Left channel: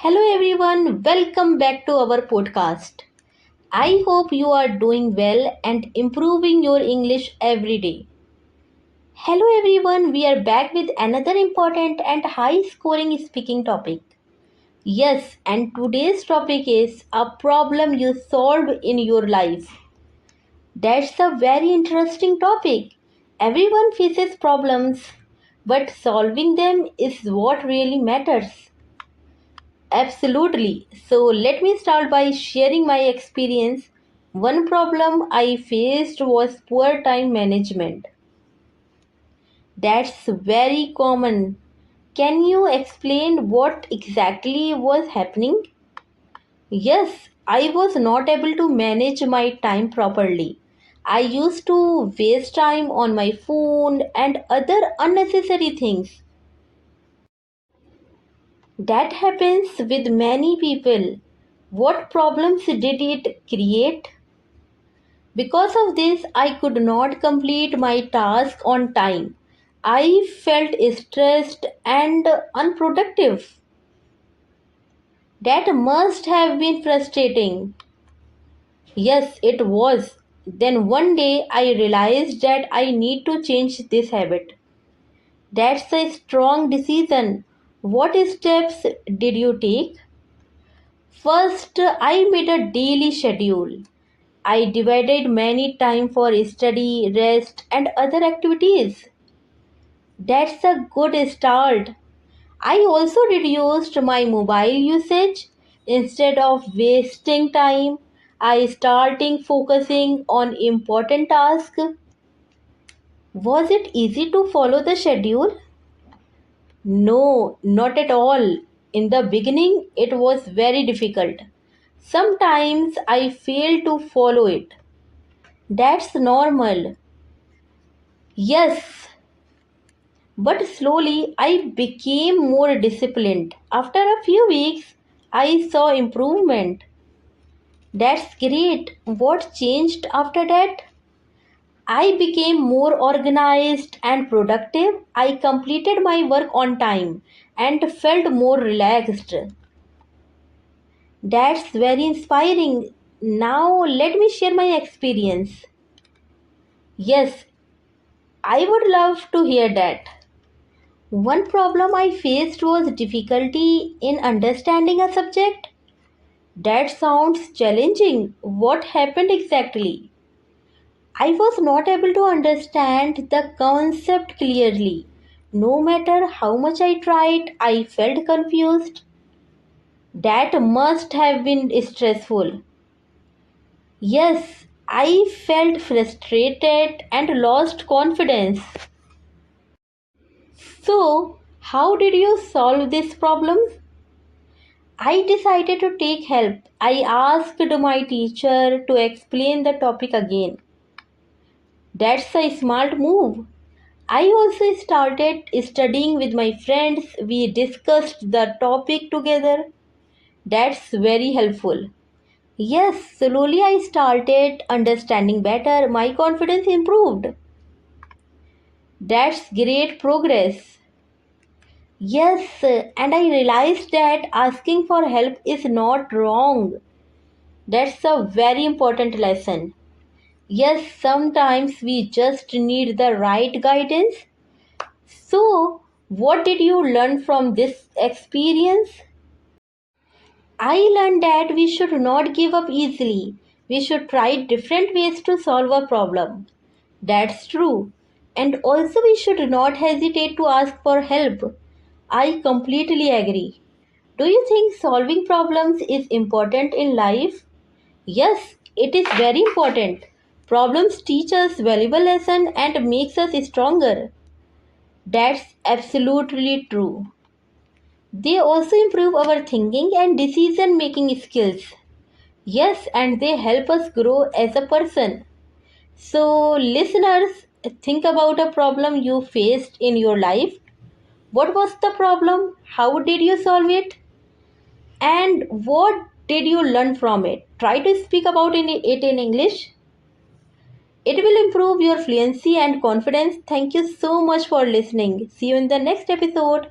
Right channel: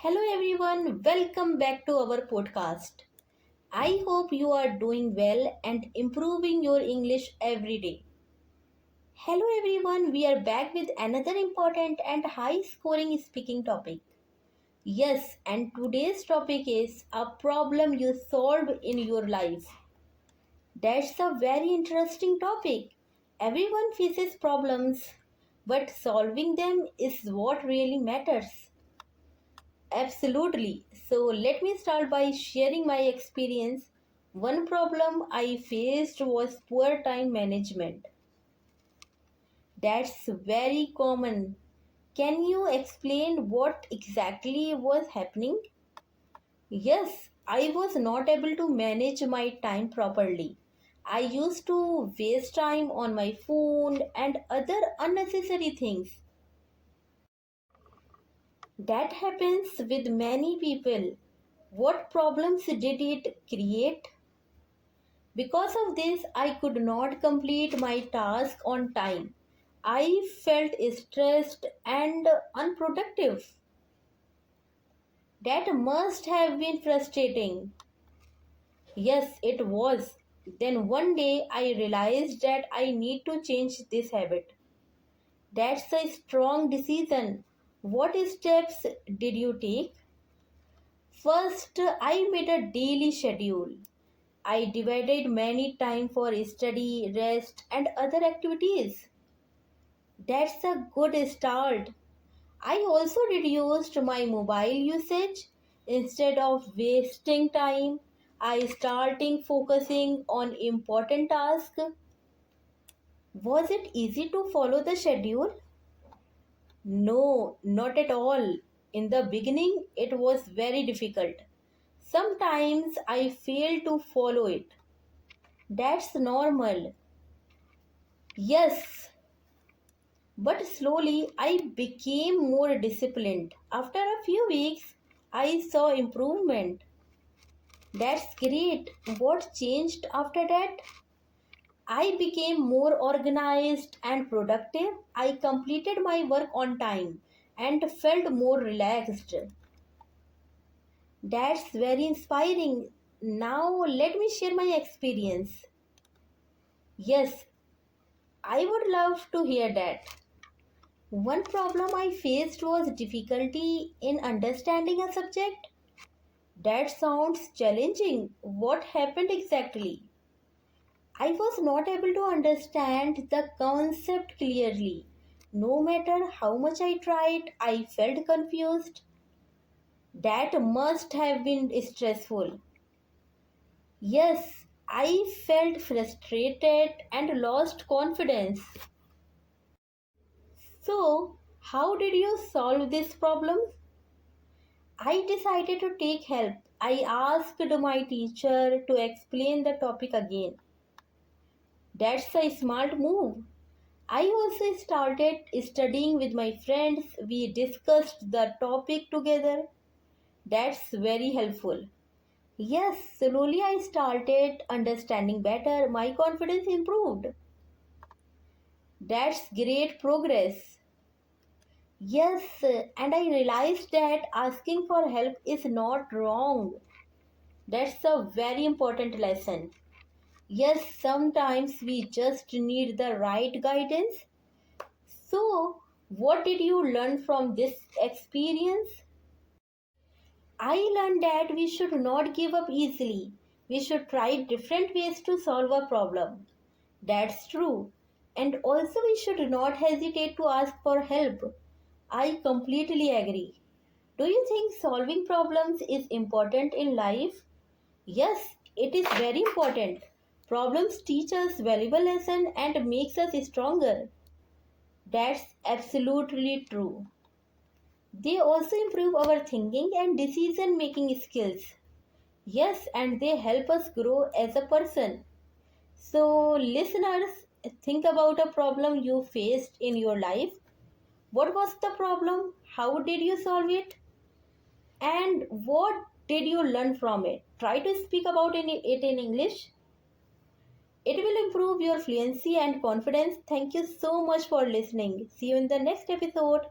Hello everyone, welcome back to our podcast. I hope you are doing well and improving your English every day. Hello everyone, we are back with another important and high scoring speaking topic. Yes, and today's topic is a problem you solved in your life. That's a very interesting topic. Everyone faces problems, but solving them is what really matters. Absolutely. So let me start by sharing my experience. One problem I faced was poor time management. That's very common. Can you explain what exactly was happening? Yes, I was not able to manage my time properly. I used to waste time on my phone and other unnecessary things. That happens with many people. What problems did it create? Because of this, I could not complete my task on time. I felt stressed and unproductive. That must have been frustrating. Yes, it was. Then one day I realized that I need to change this habit. That's a strong decision. What steps did you take? First, I made a daily schedule. I divided many time for study, rest, and other activities. That's a good start. I also reduced my mobile usage. Instead of wasting time, I started focusing on important tasks. Was it easy to follow the schedule? No, not at all. In the beginning, it was very difficult. Sometimes I failed to follow it. That's normal. Yes, but slowly I became more disciplined. After a few weeks, I saw improvement. That's great. What changed after that? I became more organized and productive. I completed my work on time and felt more relaxed. That's very inspiring. Now, let me share my experience. Yes, I would love to hear that. One problem I faced was difficulty in understanding a subject. That sounds challenging. What happened exactly? I was not able to understand the concept clearly. No matter how much I tried, I felt confused. That must have been stressful. Yes, I felt frustrated and lost confidence. So, how did you solve this problem? I decided to take help. I asked my teacher to explain the topic again. That's a smart move. I also started studying with my friends. We discussed the topic together. That's very helpful. Yes, slowly I started understanding better. My confidence improved. That's great progress. Yes, and I realized that asking for help is not wrong. That's a very important lesson. Yes, sometimes we just need the right guidance. So, what did you learn from this experience? I learned that we should not give up easily. We should try different ways to solve a problem. That's true. And also, we should not hesitate to ask for help. I completely agree. Do you think solving problems is important in life? Yes, it is very important. Problems teach us valuable lesson and makes us stronger. That's absolutely true. They also improve our thinking and decision making skills. Yes, and they help us grow as a person. So, listeners, think about a problem you faced in your life. What was the problem? How did you solve it? And what did you learn from it? Try to speak about it in English. It will improve your fluency and confidence. Thank you so much for listening. See you in the next episode.